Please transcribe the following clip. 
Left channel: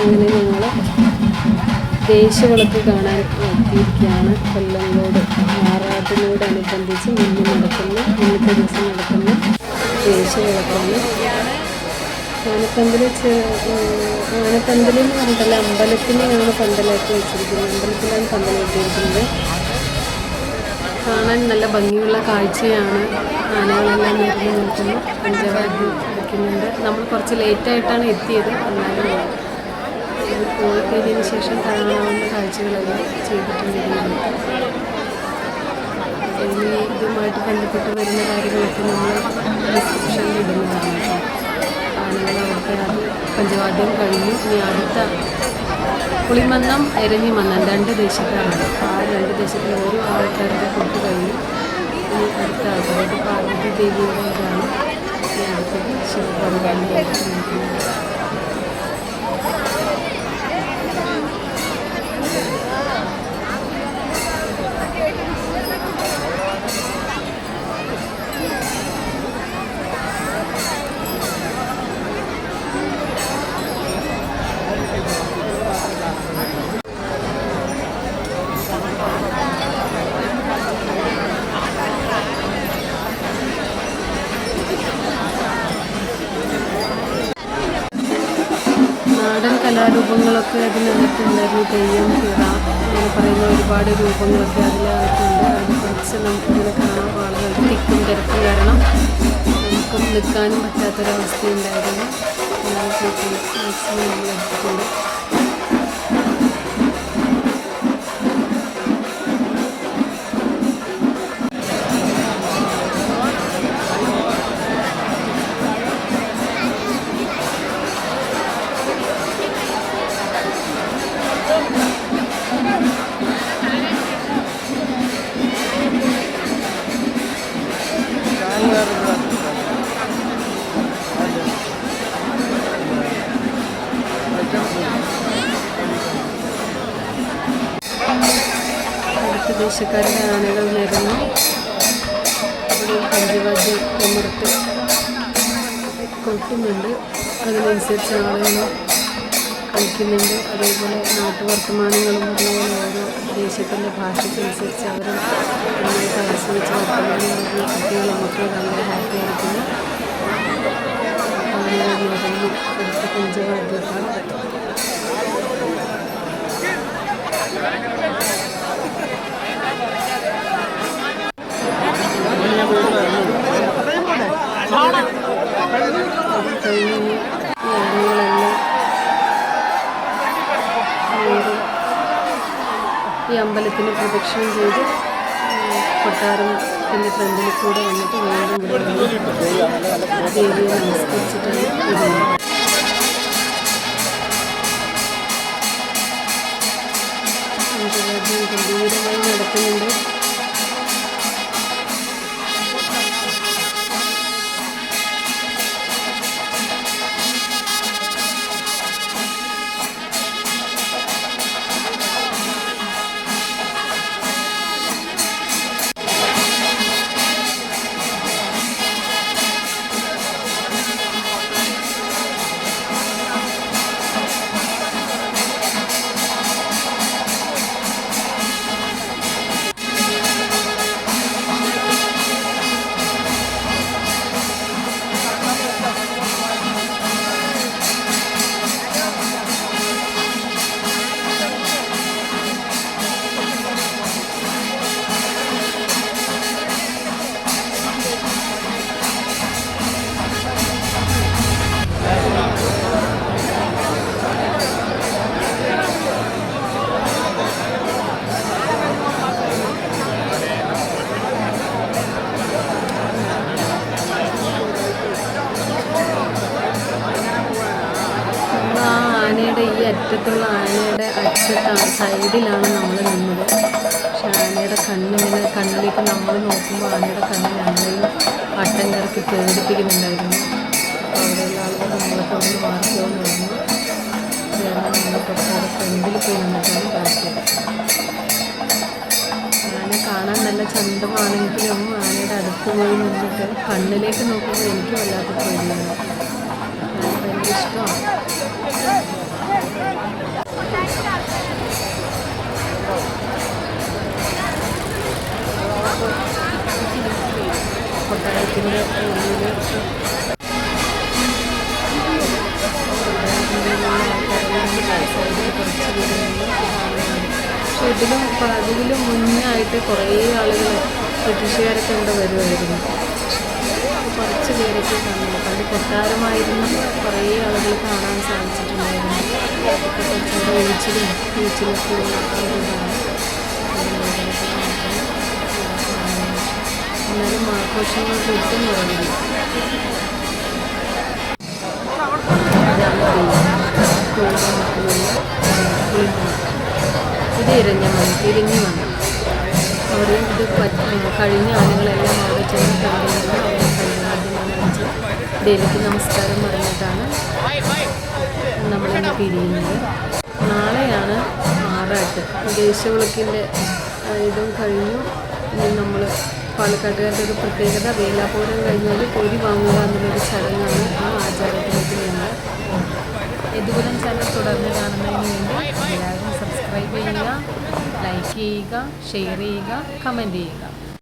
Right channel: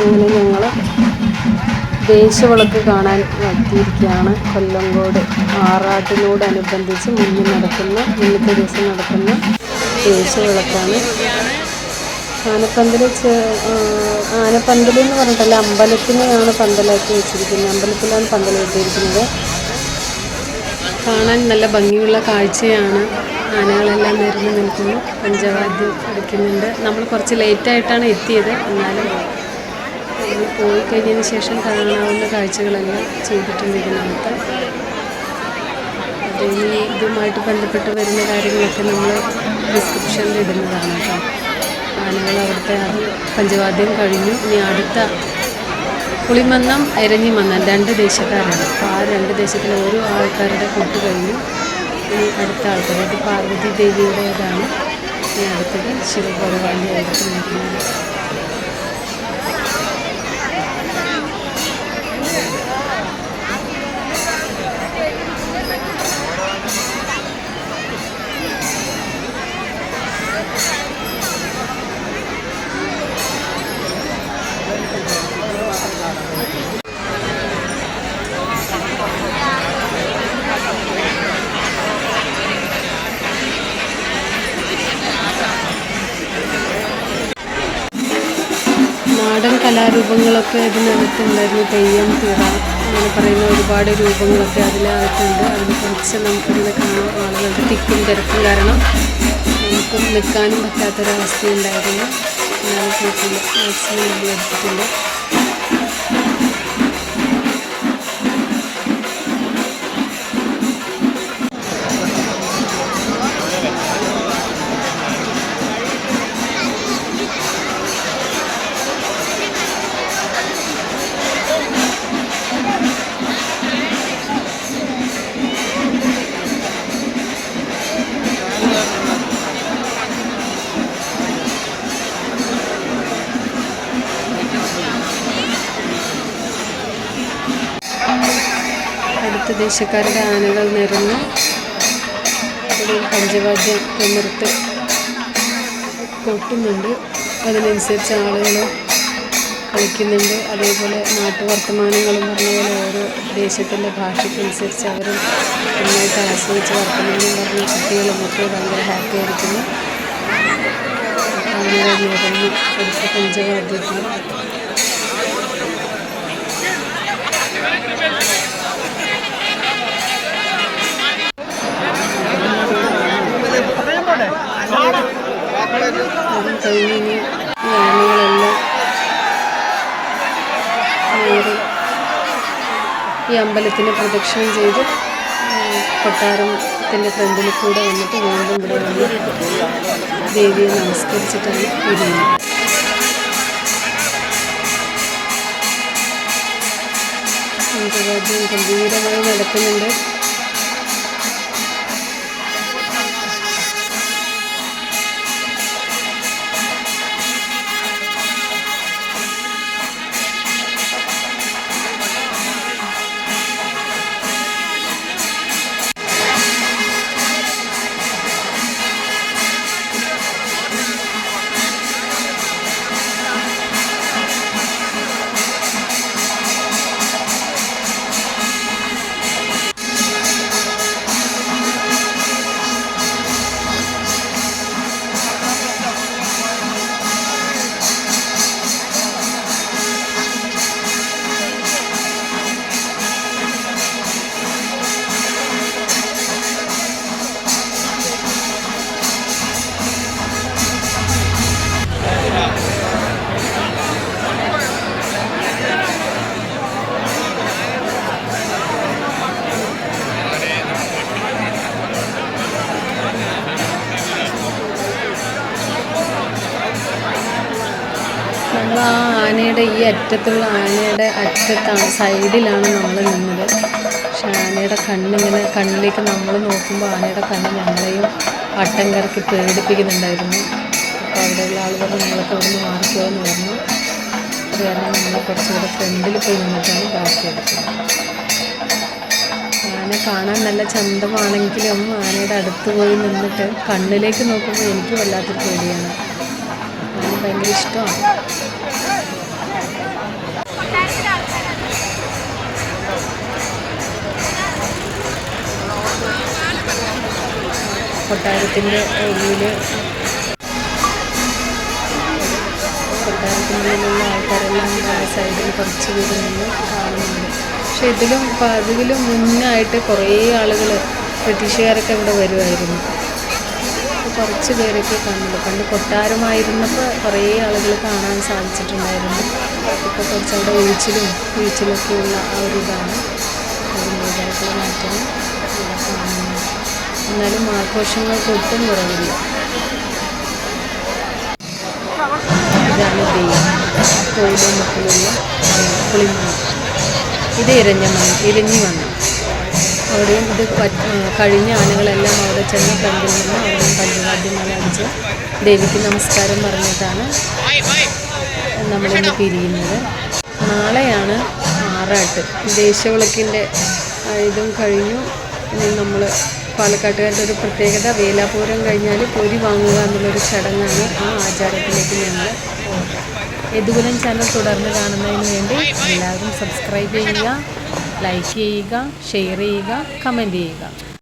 അങ്ങനെ ഞങ്ങൾ ദേശവിളക്ക് കാണാൻ എത്തിയിരിക്കുകയാണ്. കൊല്ലങ്കോട് ആറാട്ടിനോടനുബന്ധിച്ച് മുന്നത്തെ ദിവസം നടക്കുന്ന ദേശവിളക്കാണ്. ആനപ്പന്തൽ എന്ന് പറഞ്ഞിട്ടല്ല, അമ്പലത്തിനെയാണ് പന്തലാക്കി വെച്ചിരിക്കുന്നത്. അമ്പലത്തിലാണ് പന്തൽ കെട്ടിയിരിക്കുന്നത്. കാണാൻ നല്ല ഭംഗിയുള്ള കാഴ്ചയാണ്. ആനകളെല്ലാം നിരന്ന് നിൽക്കുന്നു, പഞ്ചവാദ്യം അടിക്കുന്നുണ്ട്. നമ്മൾ കുറച്ച് ലേറ്റായിട്ടാണ് എത്തിയത്, എന്നാലും പോയി കഴിഞ്ഞതിന് ശേഷം കാണാവുന്ന കാഴ്ചകളെല്ലാം ചെയ്തിട്ടുണ്ട് ഇതിനകത്ത്. ഇനി ഇതുമായിട്ട് ബന്ധപ്പെട്ട് വരുന്ന കാര്യങ്ങളൊക്കെ നമ്മൾ ഡിസ്ക്രിപ്ഷനിൽ ഇടുന്നതാണ് കേട്ടോ. ആനകൾ അവിടുത്തെ അത് പഞ്ചവാദ്യം കഴിഞ്ഞു. ഇനി അടുത്ത പുളിമന്നം, എരഞ്ഞിമന്നം 2 ദേശക്കാരാണ്. അപ്പോൾ ആ 2 ദേശത്തിലെ ഓരോ ആൾക്കാരുടെ കൊട്ട് കഴിഞ്ഞു. ഇനി അടുത്ത ആൾക്കാർ, അത് പാർവതി ദേവിയുടേതാണ്. ഇനി അടുത്തത് ശിവഭഗവാന്റെ അടുത്ത് നിൽക്കുന്നത്. നാടൻ കലാരൂപങ്ങളൊക്കെ അതിനകത്തുണ്ടായിരുന്നു. തെയ്യം, തിറ, അങ്ങനെ പറയുന്ന ഒരുപാട് രൂപങ്ങളൊക്കെ അതിനകത്തുണ്ട്. അതിൽ കുറച്ച് നമുക്കിങ്ങനെ കാണാം. ആളുകളുടെ തിക്കും തിരക്കും കാരണം നമുക്കും നിൽക്കാനും പറ്റാത്തൊരവസ്ഥയുണ്ടായിരുന്നു. മാക്സിമം നമ്മൾ എടുത്തിട്ടുണ്ട്. അടുത്ത ദേശക്കാരുടെ ആനകൾ നിരന്നു. അവിടെ പഞ്ചവാദ്യം തിമിർത്ത് കൊട്ടുന്നുണ്ട്. അതിനനുസരിച്ച് ആളുകൾ കളിക്കുന്നുണ്ട്. അതേപോലെ നാട്ടുവർത്തമാനങ്ങളും പറഞ്ഞ പോലെ ഓരോ ദേശത്തിൻ്റെ ഭാഷയ്ക്കനുസരിച്ച് അവരും നന്നായിട്ട് ആസ്വദിച്ച് വർത്തമാനം പറഞ്ഞ കുട്ടികളുമൊക്കെ ഭയങ്കര ഹാപ്പി ആയിരിക്കുന്നു. ആനകൾ നിരന്നു അടുത്ത പഞ്ചവാദ്യത്തിൽ. കഴിഞ്ഞ് ഈ ആനകളെല്ലാം ഈ അമ്പലത്തിന് പ്രദക്ഷിണം ചെയ്ത് കൊട്ടാരത്തിൻ്റെ ഫ്രണ്ടിൽ കൂടെ വന്നിട്ട് വീണ്ടും ഇവിടെ വന്ന് ദേവിയെ നമസ്കരിച്ചിട്ടാണ് ഇടുന്നത്. പഞ്ചവാദ്യം ഗംഭീരമായി നടക്കുന്നുണ്ട്. ആ ആനയുടെ ഈ അറ്റത്തുള്ള ആനയുടെ അറ്റത്താണ്, സൈഡിലാണ് നമ്മൾ നിന്നത്. പക്ഷെ ആനയുടെ കണ്ണിലേക്ക് നമ്മൾ നോക്കുമ്പോൾ ആനയുടെ കണ്ണ് നമ്മളെയും വട്ടം കറക്കി പേടിപ്പിക്കുന്നുണ്ടായിരുന്നു. അപ്പോൾ അവിടെയുള്ള ആളുകൾ നമ്മളൊക്കെ ഇവിടെ നിന്ന് മാറിക്കോ എന്ന് പറഞ്ഞു. അത് കാരണം നമ്മൾ കുറച്ചുകൂടെ ഫ്രണ്ടിൽ പോയി നിന്നിട്ടാണ് ബാക്കിയെടുക്കുന്നത്. ആന കാണാൻ നല്ല ചന്തമാണെങ്കിലും ആനയുടെ അടുത്ത് പോയി നിന്നിട്ട് കണ്ണിലേക്ക് നോക്കുമ്പോൾ എനിക്ക് വല്ലാത്ത പേടിയാണ്. എനിക്ക് ഭയങ്കര ഇഷ്ടമാണ്. കൊട്ടാരത്തിൻ്റെ ഉള്ളിൽ കൊട്ടാരത്തിനുള്ളിലുള്ള ആൾക്കാരെല്ലാം സൈഡിൽ കുറച്ച് പേരുണ്ട് കാണുന്നുണ്ട്. പക്ഷെ ഇതിലും മുന്നായിട്ട് കുറേ ആളുകൾ ബ്രിട്ടീഷുകാരൊക്കെ ഇവിടെ വരുമായിരുന്നു. കുറച്ച് പേരൊക്കെ കണ്ടു. പണ്ട് കൊട്ടാരമായിരുന്നപ്പോൾ കുറേ ആളുകൾ കാണാൻ സാധിച്ചിട്ടുണ്ടായിരുന്നു. ഇപ്പോൾ കുറച്ച് അവിടെ ബീച്ചിലൊക്കെ ഉള്ള ആ ഒരു ഇതാണ് അതിൻ്റേതായിട്ടുള്ള മാറ്റം കാണുന്നത്. എന്നാലും ആഘോഷങ്ങൾക്ക് ഒട്ടും കുറവില്ല. ഇതാണ് കോവിലമുക്കിലുള്ള പുളിമണ്ണ്. ഇത് ഇരിഞ്ഞി മണ്ണ്. അവിടെയും ഇത് കഴിഞ്ഞ ആളുകളെല്ലാം അവിടെ ചെന്ന് ഫ്രണ്ടിൽ നിന്ന് അവിടെ പഞ്ചവാദ്യം അടിച്ച് ദേവിക്ക് നമസ്കാരം പറഞ്ഞിട്ടാണ് നമ്മളിന്ന് പിരിയുന്നത്. നാളെയാണ് ആറാട്ട്. ദേശവിളക്കിൻ്റെ ഇതും കഴിഞ്ഞു. ഇനി നമ്മൾ പാലക്കാട്ടുകാരുടെ ഒരു പ്രത്യേകത വേലാപൂരം കഴിഞ്ഞാൽ പൊരി വാങ്ങുക എന്നുള്ളൊരു ചടങ്ങാണ്. ആ ആചാരത്തിലേക്ക് ഞങ്ങൾ യദുകുലം ചാനൽ തുടർന്ന് കാണുന്നതിന് വേണ്ടി എല്ലാവരും സബ്സ്ക്രൈബ് ചെയ്യുക, ലൈക്ക് ചെയ്യുക, ഷെയർ ചെയ്യുക, കമൻറ്റ് ചെയ്യുക.